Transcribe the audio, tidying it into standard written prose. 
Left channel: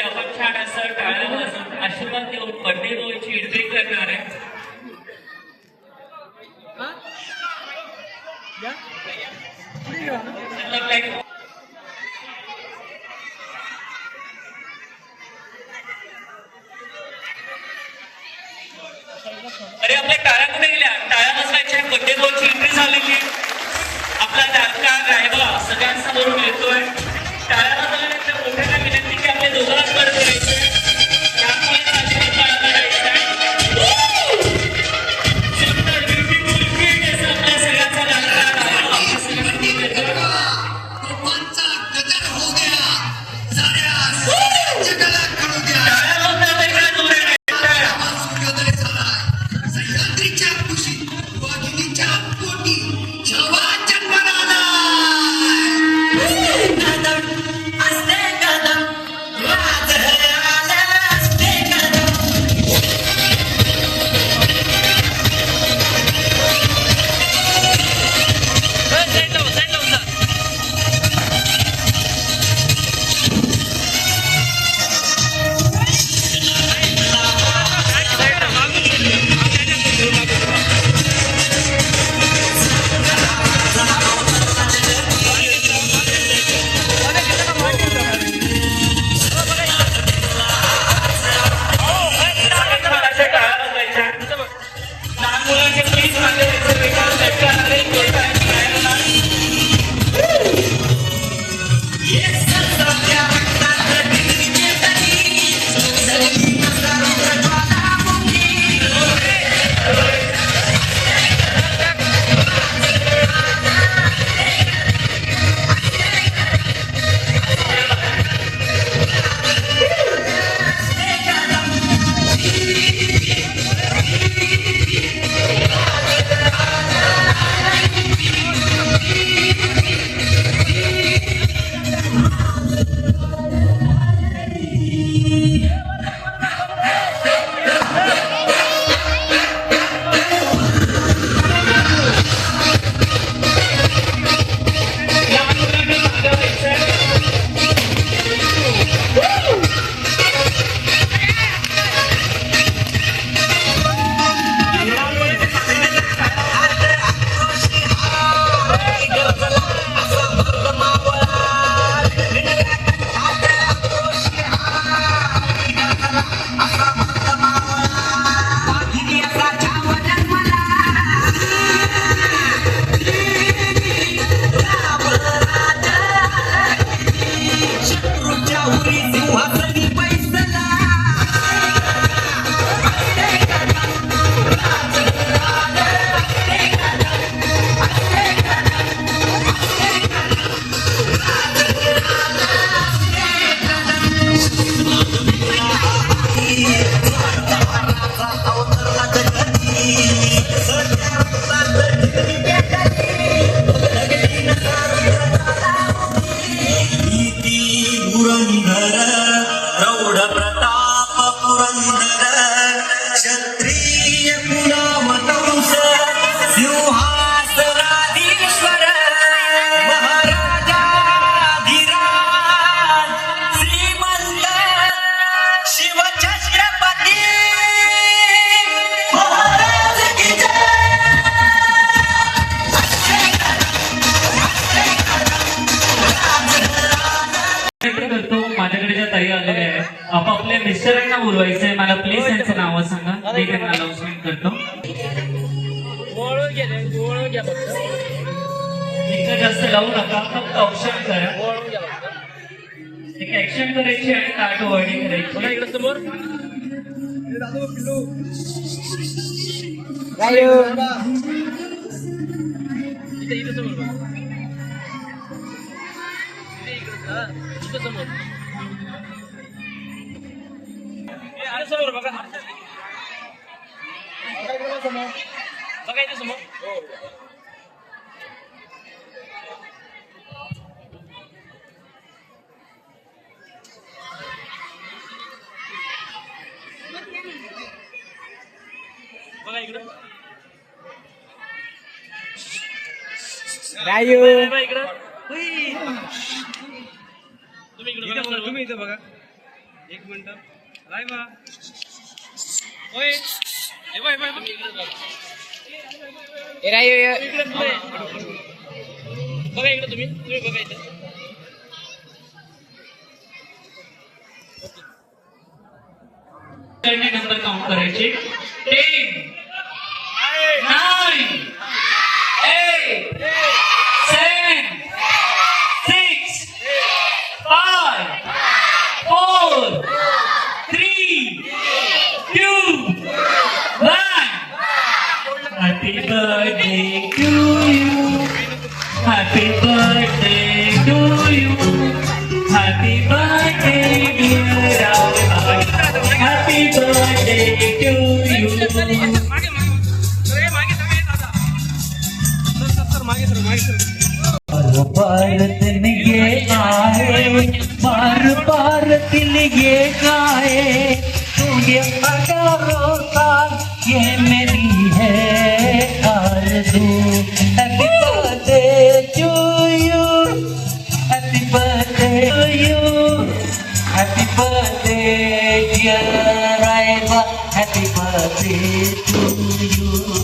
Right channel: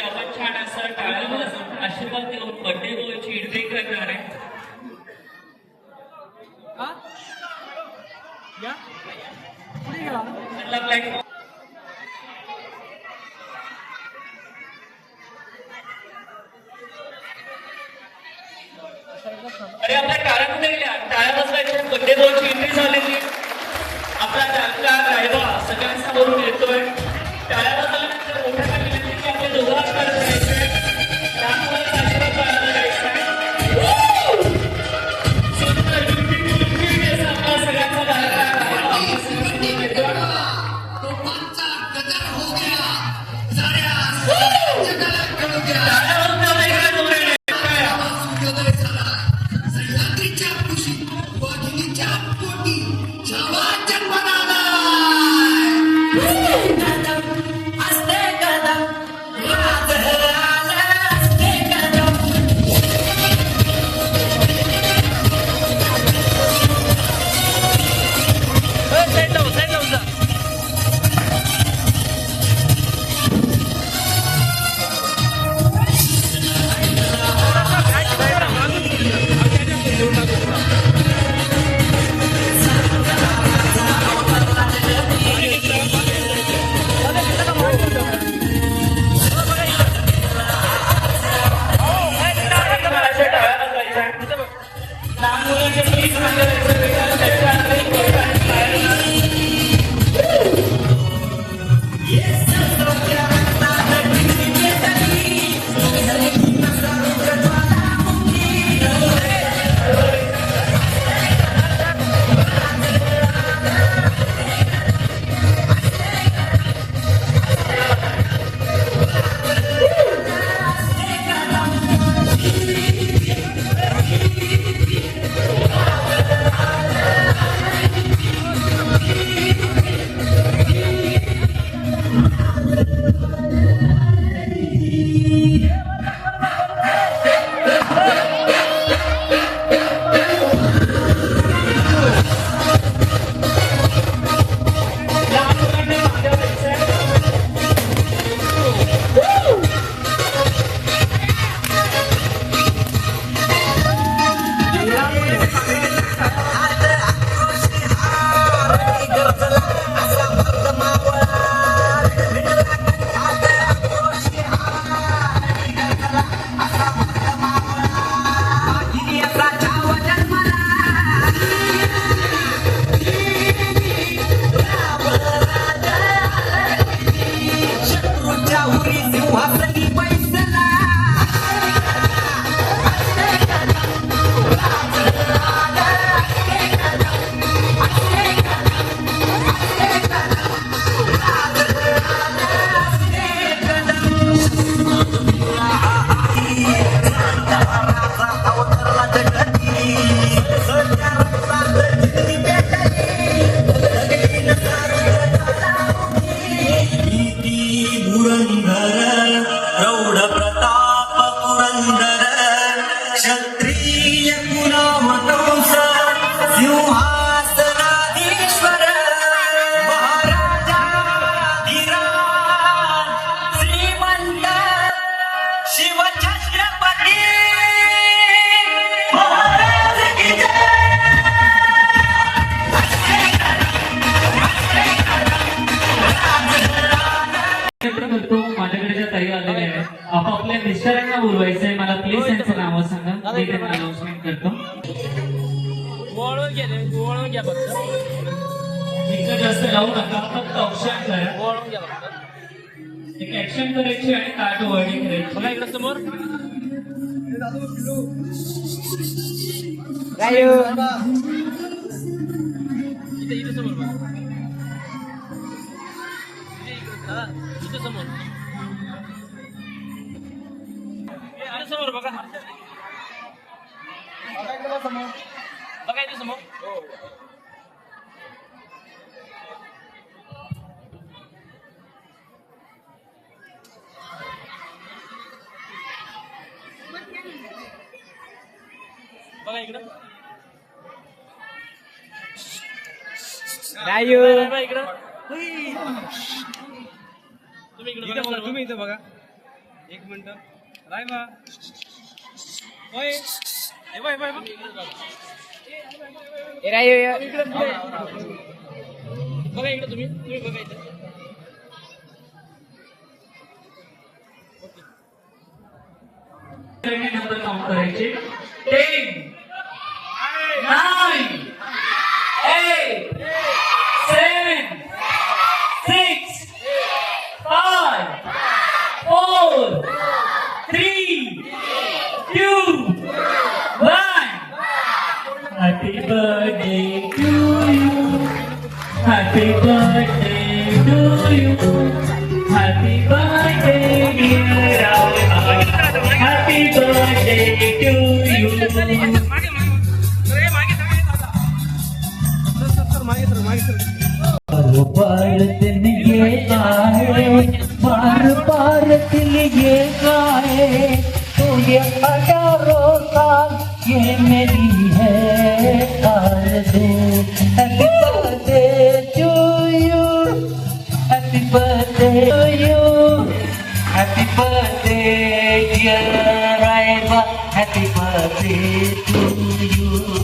आपण छान असं टाळ्या वाजवून आशीर्वाद देऊन बर्थडे बॉयची एंट्री करणार आहे. अरे आपल्या टाळ्या कुठे गेल्या? टाळ्या बसवायच्या. बर्थडे बॉयची एंट्री झालेली. आपला जातका रायबा सगळ्यांसमोरून येतोय. टाळ्या बसवल्यानंतर मोठ्याला विनंती की आपल्या दोघांकडे जायचंय. राममुलाचा आशीर्वाद बाळगला जायचा आहे. माझ्याकडे ज्या ताई आलेल्या आहेत आपापल्या मिस्टरांना बोलवायचंय. मला प्लीज त्यांचं नाव सांगा. मी त्यांना अनाउन्समेंट करतो. इतकं जास्त लावू नका. फक्त ऑप्शन करा. एक ऍक्शन करायची आणि कार्ड वर्डिंग करायची. रायू तुम्ही इथं बघा एक मिनिट नाही बा होय हे बाय बाय रायू बघा इकडे तुम्ही बघा इथे नंबर काउंट करायचे 10 9 8 7 6 5 4 3 2 1 Happy birthday to you Happy birthday to you Happy birthday dear Rama Happy birthday to you बार दिन ये आए बार दिल ये गाए तू ये 18 साल ये मेरी है आरज़ू happy birthday to you happy birthday to you happy birthday dear Raiba happy birthday to you